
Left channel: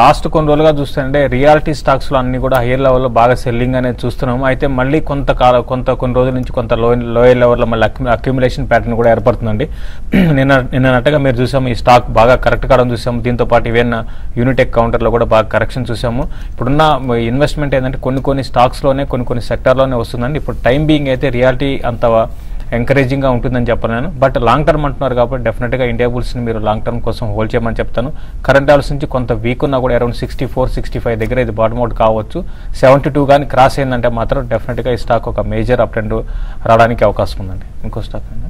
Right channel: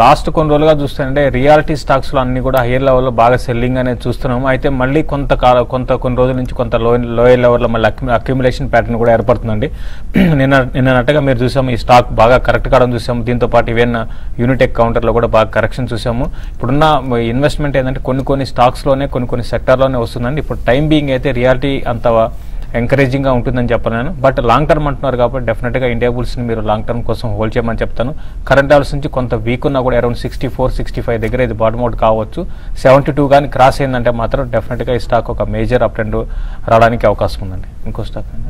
లాస్ట్ కొన్ని రోజులుగా చూస్తుంటే రియాలిటీ స్టాక్స్ లో అన్ని కూడా హైయర్ లెవెల్ లో బాగా సెల్లింగ్ అనేది చూస్తున్నాము. అయితే మళ్ళీ కొన్ని రోజుల నుంచి కొంత లోయర్ లెవెల్ లో మళ్ళీ అక్యుములేషన్ ప్యాటర్న్ కూడా ఏర్పడుతుందండి. నిన్నట్టుగా మీరు చూసాము ఈ స్టాక్ బాగా కరెక్ట్ కావడం చూసాము. దీంతో పాటు ఈవెన్ యూనిటెక్ కౌంటర్ లో కూడా బాగా కరెక్షన్ చూసాము. ఇప్పుడున్న ఇన్వెస్ట్మెంట్ ఏంటంటే కొన్ని స్టాక్స్ లోనే కొన్ని సెక్టర్ లోనే వస్తుందండి. ఇప్పుడు టైం బీయింగ్ అయితే రియాలిటీ అంత ఎంకరేజింగ్ గా ఉంటుందని చెప్పలేను. బట్ లాంగ్ టర్మ్ అంటున్నారు కాబట్టి డెఫినెట్ గా ఇండియా బుల్స్ ని మీరు లాంగ్ టర్మ్ కోసం హోల్డ్ చేయమని చెప్తాను. కరెంట్ లెవెల్స్ నుంచి కొంత వీక్ ఉన్నా కూడా అరౌండ్ 64-65 దగ్గర ఇది బాటమ్ అవుట్ కావచ్చు. 72 కానీ క్రాస్ అయిందంటే మాత్రం డెఫినెట్ గా ఈ స్టాక్ ఒక మేజర్ అప్ ట్రెండ్ రావడానికి అవకాశం ఉందండి. ఇంకో స్టాక్ అండి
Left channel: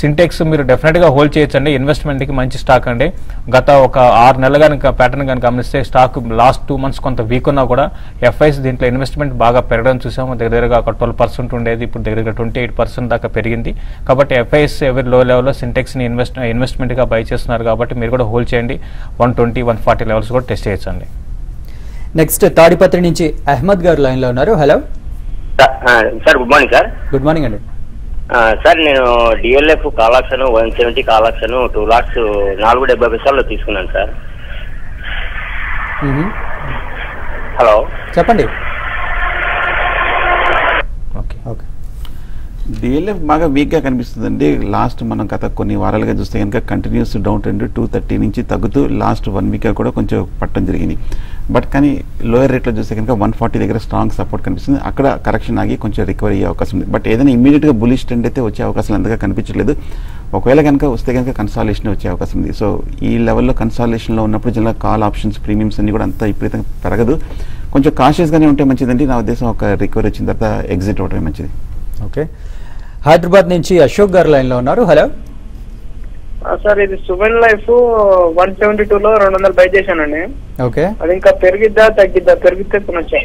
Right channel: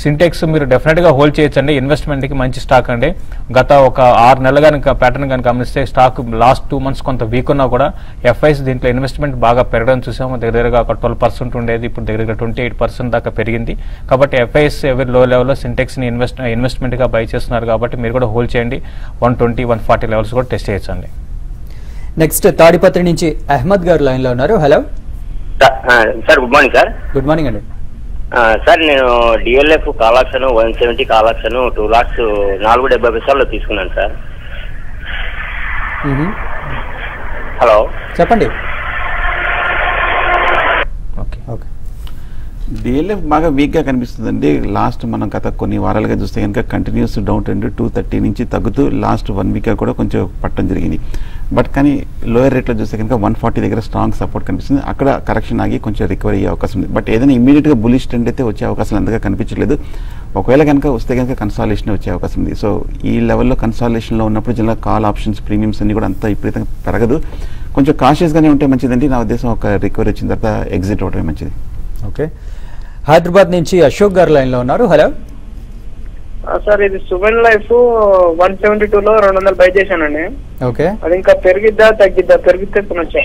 సింటెక్స్ మీరు డెఫినెట్ గా హోల్డ్ చేయొచ్చండి. ఇన్వెస్ట్మెంట్ కి మంచి స్టాక్ అండి. గత ఒక 6 నెలలు కనుక ప్యాటర్న్ కనుక గమనిస్తే స్టాక్ లాస్ట్ 2 months కొంత వీక్ ఉన్నా కూడా ఎఫ్ఐస్ దీంట్లో ఇన్వెస్ట్మెంట్ బాగా పెరగడం చూసాము. దగ్గరగా ఒక 12% ఉండేది, ఇప్పుడు దగ్గరగా 28% దాకా పెరిగింది. కాబట్టి ఎఫ్ఐస్ ఎవరి లో లెవెల్ లో సింటెక్స్ ని ఇన్వెస్ట్మెంట్ గా బై చేస్తున్నారు కాబట్టి మీరు కూడా హోల్డ్ చేయండి. 120-140 లెవెల్స్ కూడా టెస్ట్ చేయొచ్చండి. నెక్స్ట్ తాడిపత్రి నుంచి అహ్మద్ గారు లైన్ లో ఉన్నారు. Hello sir, good morning sir. Good morning అండి. సార్, నేను డిఎల్ఎఫ్ కావాల్సిన 170 కావాల్సిన 2 lakhs 470 పైసలు తీసుకున్నాను సార్. హలో చెప్పండి. డిఎల్ఎఫ్ బాగా వీక్ గా కనిపిస్తుందండి. లాస్ట్ మనం గత కొన్ని వారాలుగా చూస్తే కనుక కంటిన్యూస్ డౌన్ ట్రెండ్ 230 నుంచి తగ్గుతూ లాస్ట్ 1 week కూడా కొంచెం పట్టడం జరిగింది. బట్ కానీ లోయర్ రేట్ లో చూస్తే కనుక 140 దగ్గర స్ట్రాంగ్ సపోర్ట్ కనిపిస్తుంది. అక్కడ కరెక్షన్ ఆగి కొంచెం రికవరీ అయ్యే అవకాశం ఉంది. బట్ ఏదైనా ఇమీడియట్ గా బులిష్ ట్రెండ్ అయితే వచ్చే అవకాశాలు అంతగా కనిపించలేదు. ఒకవేళ కనుక వస్తే కనుక కన్సాలేషన్ వచ్చే అవకాశం ఉంది. సో ఈ లెవెల్లో కన్సాలేషన్ లో ఉన్నప్పుడు జిల్లా కాల్ ఆప్షన్స్ ప్రీమియమ్స్ అన్ని కూడా అంతా విపరీతంగా పెరగదు. కొంచెం కాషియస్ గానే ఉంటే మంచిదండి. నా ఉద్దేశం ఒక రికవరీ వచ్చిన తర్వాత ఎగ్జిట్ అవడమే మంచిది. ఓకే. హైదరాబాద్ నుంచి అశోక్ గారు లైన్ లో ఉన్నారు. హలో సార్, ఇది సువెన్ లైఫ్ 172 లో 200 బై చేశానండి. ఓకే. అది ఇంకా పెరిగిద్దా తగ్గిద్దా? పెరిగితే కొనొచ్చా?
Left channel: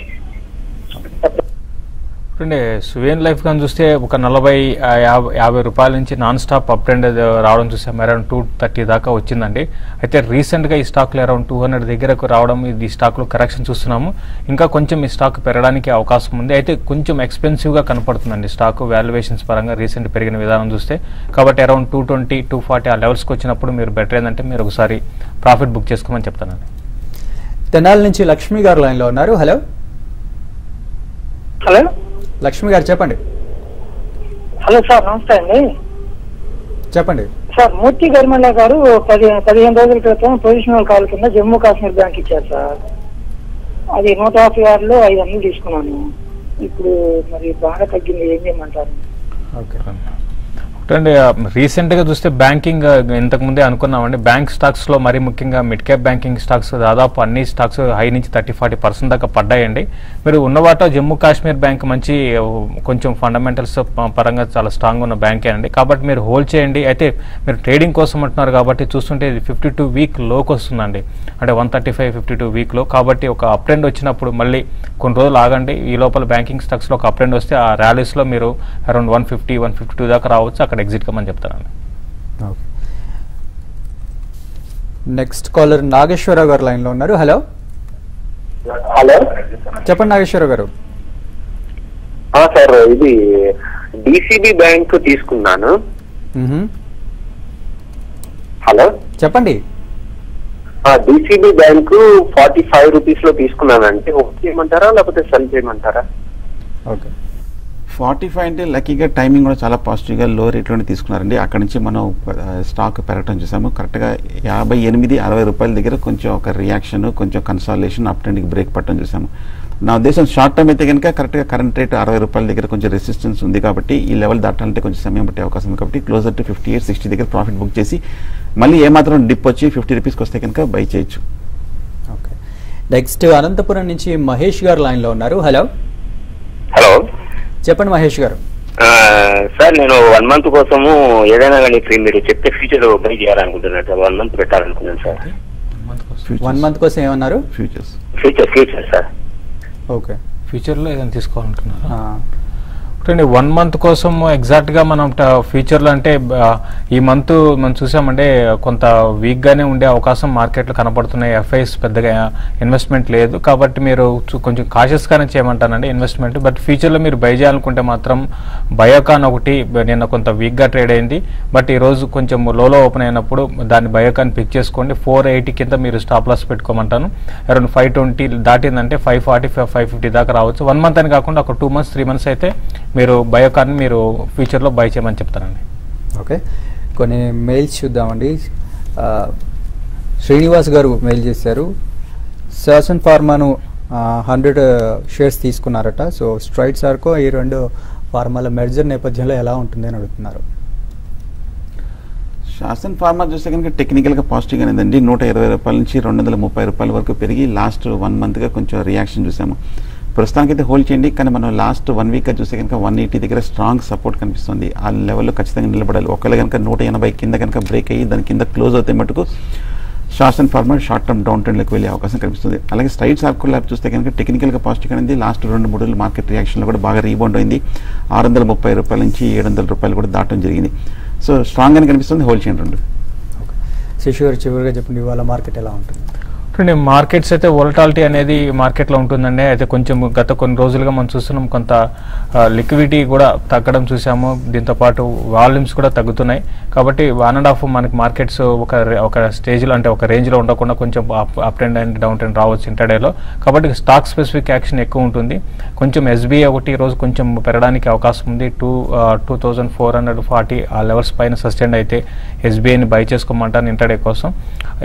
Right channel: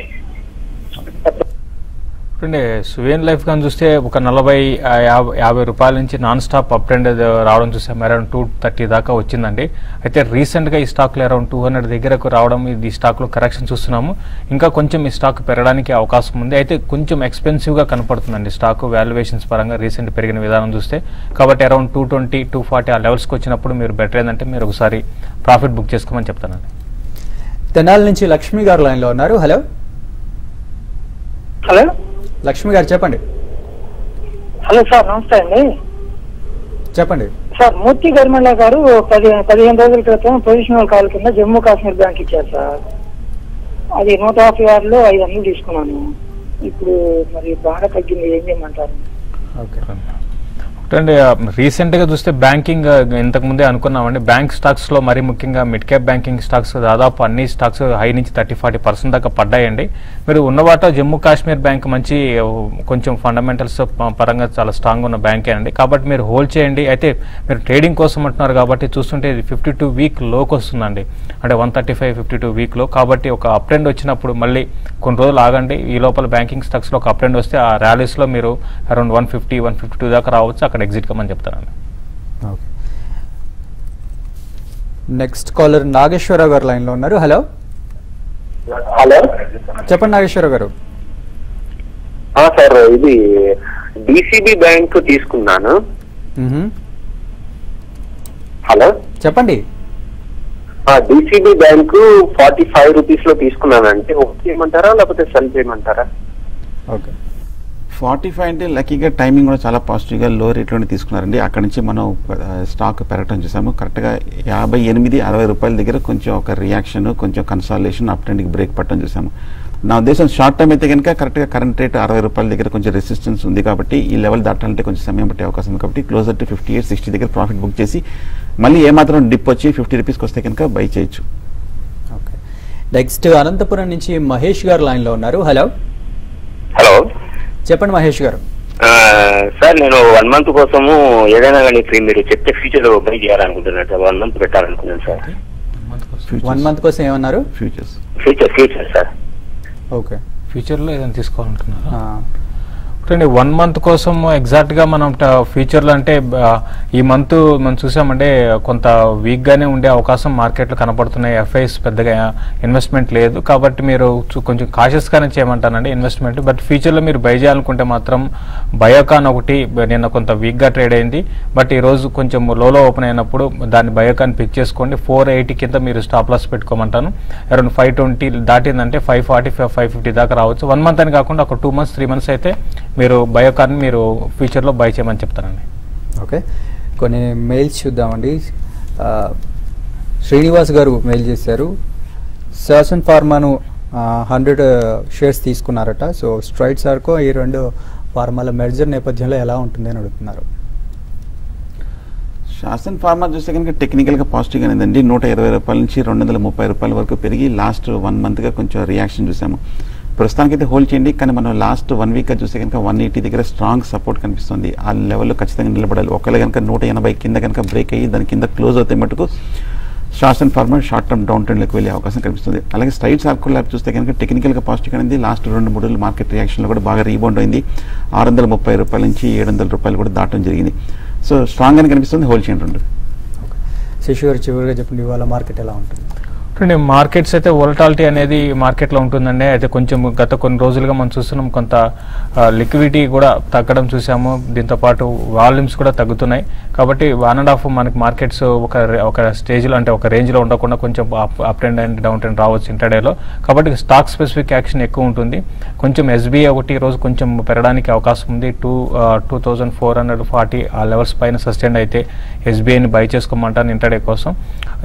సువేన్ లైఫ్ కానీ చూస్తే ఒక 40-50 రూపాయల నుంచి నాన్ స్టాప్ అప్ ట్రెండ్ రావడం చూసాం. అరౌండ్ 230 దాకా వచ్చిందండి. అయితే రీసెంట్ గా ఈ స్టాక్ లో అరౌండ్ 200 దగ్గరకు రావడం, ఈ స్టాక్ లో కరెక్షన్ చూస్తున్నాము. ఇంకా కొంచెం ఈ స్టాక్ పెరగడానికి అవకాశం ఉంది. అయితే కొంచెం ఎక్స్పెన్సివ్ గా కనపడుతుందండి స్టాక్ వాల్యుయేషన్స్ పరంగా రీసెంట్ పెరిగిన విధానం చూస్తే. కాబట్టి అరౌండ్ 220-240 ఆ లెవెల్స్ కి వచ్చినప్పుడు మీరు బెటర్ ఏంటంటే మీరు ఒకసారి ప్రాఫిట్ బుక్ చేసుకోమని చెప్తాను. తెనాలి నుంచి లక్ష్మి గారు లైన్ లో ఉన్నారు. హలో హలో లక్ష్మి గారు చెప్పండి. హలో సార్, నమస్తే అండి. చెప్పండి సార్. మూర్తి గర్మల గారు 15 రోజుల క్రితం పొజిషనల్ కాల్ కింద జమ్మూ కాశ్మీర్ బ్యాంక్ ఇచ్చారు సార్. అది 150 500 తీసుకున్నాను. ఇప్పుడు మరి బాగా తగ్గింది, ఏం చేయమంటారు? రీసెంట్ గా చూస్తే బ్యాంకింగ్ ఇంతకు ముందే అనుకున్నామండి. బ్యాంక్ స్టాక్స్ లో మరి ముఖ్యంగా మిడ్ క్యాప్ బ్యాంకింగ్ స్టాక్స్ దాదాపు అన్ని స్టాక్స్ హై నుంచి 30-40% దాకా పడ్డాయండి. మీరు ఉన్నవాట జమ్మూ కాశ్మీర్ బ్యాంక్ మంచి కొంచెం ఫండమెంటల్స్ పరంగా చాలా స్ట్రాంగ్ ఉన్న బ్యాంకే అండి. కాబట్టి మీరు హోల్డ్ చేయండి. అయితే మీరు ట్రేడింగ్ కోసం అంటున్నారు కాబట్టి చూస్తుంటే 52 వీక్ లోకి వస్తుందండి. అంటే 135-52 వీక్ లో. కాబట్టి ఒక అప్ ట్రెండ్ వచ్చినప్పుడు మళ్ళీ కొన్ని రోజులు ఆగండి. ఈ లోపల బ్యాంకింగ్ స్టాక్స్ లో ఒక అప్ ట్రెండ్ వస్తే ఆ ర్యాలీస్ లో మీరు అరౌండ్ 150-152 దాకా రావచ్చు. అక్కడ ఎగ్జిట్ కమని చెప్తాను. నెక్స్ట్ కాలర్ నాగేశ్వరరావు గారు లైన్ లో ఉన్నారు. హలో హలో చెప్పండి నాగేశ్వరరావు గారు. సార్, ఇది డిసిబి బ్యాంక్ తీసుకున్నాను. హలో చెప్పండి. డిసిబి బ్యాంకు 45 రూపీస్ లో తీసుకున్నాను. అంటే ఓకే చేయమంటారా లేకపోతే సెల్ చేయమంటారా? ఓకే. 45 అంటే లక్కీగా టైమింగ్ కూడా చాలా పాజిటివ్ గా లో రేట్ లోనే తీసుకున్నారండి. అక్కడ నుంచి మనం స్టాక్ పెరగటం చూసాము. కరెక్ట్ గా 58-60 రూపాయల దగ్గర కొంచెం ఒక రియాక్షన్, కొంచెం కన్సాలేషన్, అప్ ట్రెండ్ బ్రేక్ పట్టడం చూసాము. నా ఉద్దేశం షార్ట్ టర్మ్ అయితే కనుక కరెక్ట్ గా కరెంట్ రేట్ 60 రూపాయల దగ్గర కొంచెం రెసిస్టెన్స్ ఉంది కాబట్టి ఈ లెవెల్ దాటాలంటే కొంచెం సమయం పట్టే అవకాశం ఉంది. కాబట్టి క్లోజర్ టు 58-60 దగ్గర ప్రాఫిట్ బుక్ చేసి మళ్ళీ ఏమాత్రం డిప్ వచ్చి 50 రూపీస్కి వస్తే కనుక బై చేయొచ్చు. నెక్స్ట్ అనంతపురం నుంచి మహేష్ గారు లైన్ లో ఉన్నారు. హలో హలో చెప్పండి మహేష్ గారు. సార్, నేను 1 month కోసము ఏదైనా కానీ ఫ్రీ మీరు చెప్పే ఫ్యూచర్ బై చేయాలనుకుంటున్నట్టు 1 month పెట్టాలనుకుంటున్నాను సార్. 1 month కోసం ఏమన్నారు? Future sir. ఓకే. ఫ్యూచర్ లో ఏదైనా తీసుకోవాలనుకున్నారా? 1 month కోసం ఎగ్జాక్ట్ గా మనం ఫ్యూచర్ లో అంటే ఈ మంత్ మనం చూసామంటే కొంత వీక్ గానే ఉండే అవకాశం మార్కెట్ లో కనపడుతున్నాయి. ఎఫ్ఐఎస్ పెద్దగా ఇన్వెస్ట్మెంట్ లేదు కాబట్టి మీరు కొంచెం కాషియస్ గానే చేయమంటానండి ఇన్వెస్ట్మెంట్. బట్ ఫ్యూచర్ లో మీరు బై చేయాలనుకుంటే మాత్రం బయోకాన్ ఒకటి నేను కొంత వీక్ గా ట్రేడ్ అయింది. బట్ ఈ రోజు కొంచెం లోలో ఓపెన్ అయినప్పుడు దాన్ని బయోకాన్ పిక్ చేసుకోండి. 480 కింద మీరు స్టాప్ లాస్ పెట్టుకోమంటాను. అరౌండ్ 520 దాటిందంటే 540 550 దాకా రావచ్చు. 1 month అని కాకుండా ఒక 2 months 3 months అయితే మీరు బయోకాన్ మీరు ఫ్యూచర్ లో బై చేయమని చెప్తానండి. ఓకే, కొన్ని మెయిల్స్ చూద్దామండి. శ్రీనివాస్ గారు మెయిల్ చేశారు. శాసన్ ఫార్మాను 100 షేర్స్ తీసుకున్నారట. సో స్ట్రైట్ సార్కో ఈ 2 ఫార్మాల మెర్జర్ నేపథ్యంలో ఎలా ఉంటుంది అని అడుగుతున్నారు. శాసన్ ఫార్మా చూస్తే కనుక టెక్నికల్ గా పాజిటివ్ గానేదండి. 120 రూపాయల నుంచి 230 రూపాయల వరకు పెరిగి లాస్ట్ 1 month గా కొంచెం రియాక్షన్ చూసాము. ప్రస్తుతానికి అయితే హోల్డ్ చేయండి. కానీ మనం లాస్ట్ 1 week గా చూస్తే కనుక 180 దగ్గర స్ట్రాంగ్ సపోర్ట్ కనిపిస్తుంది. ఆ లెవెల్లో ఖచ్చితంగా నిలబడాలి. ఒకవేళ కనుక 180 కింద కనుక బ్రేక్ అయ్యి దాని కింద క్లోజ్ అవుతాయి మటుకు Shasun pharma short term down trend లోకి వెళ్ళే అవకాశం కనిపిస్తుంది. అలాగే స్ట్రైట్ సర్కిల్ ల్యాబ్ చూస్తే కనుక టెక్నికల్ గా పాజిటివ్ అనేది లాస్ట్ 2-3 రోజులు మార్కెట్ రియాక్షన్ లో కూడా బాగా రీబౌండ్ అయింది. 630 రూపాయల నుంచి 700 రూపాయలు కూడా దాటడం జరిగింది. సో స్ట్రాంగ్ అని కనిపిస్తుంది. హోల్డ్ చేయండి. శశి గారు చివరిగా చెప్పండి, ఇవాళ మార్కెట్ ఎలా ఉంటుంది? మార్కెట్స్ అయితే వోలటాలిటీ అనేది మార్కెట్ లో ఉంటుందండి. అయితే కొంచెం గత కొన్ని రోజులుగా మనం చూస్తున్నాం కొంత లిక్విడిటీ కూడా తగ్గడం చూసాము. దీంతో పాటు వాల్యూమ్స్ కూడా తగ్గుతున్నాయి. కాబట్టి 1.5 మనకి మార్కెట్స్ ఒక స్టేజ్ లో అంటే ఒక రేంజ్ లో ఉండకుండా కొంచెం up trend and down trend రావచ్చు ఇంటర్డేలో. కాబట్టి స్టాక్ స్పెసిఫిక్ యాక్షన్ ఎక్కువ ఉంటుంది. కొంచెం ఎస్బీఐ ఒకటి రోజు కొంచెం పెరగడానికి అవకాశం ఉంది. 2440 ఆ లెవెల్స్ పైన సస్టైన్ అయితే ఎస్బీఐని బై చేసుకోమంటాను ఇంటర్డే కోసం.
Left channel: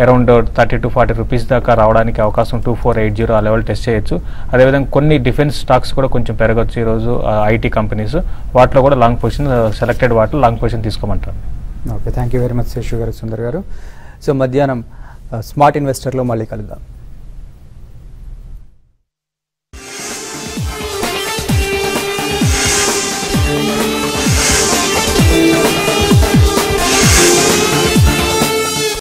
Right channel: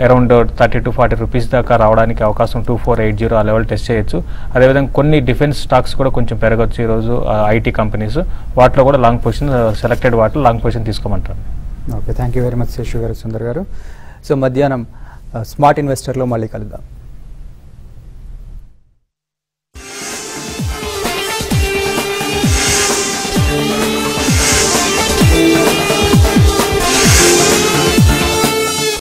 అరౌండ్ 30 to 40 రూపీస్ దాకా రావడానికి అవకాశం 2480 ఆ లెవెల్ టెస్ట్ చేయొచ్చు. అదేవిధంగా కొన్ని డిఫెన్స్ స్టాక్స్ కూడా కొంచెం పెరగచ్చు ఈ రోజు. ఐటీ కంపెనీస్ వాటిలో కూడా లాంగ్ పొజిషన్ సెలెక్టెడ్ వాటిలో లాంగ్ పొజిషన్ తీసుకోమంటారు. Okay, thank you very much Shashi గారు, సుందర్ గారు. సో మధ్యాహ్నం స్మార్ట్ ఇన్వెస్టర్లో మళ్ళీ కలుద్దాం.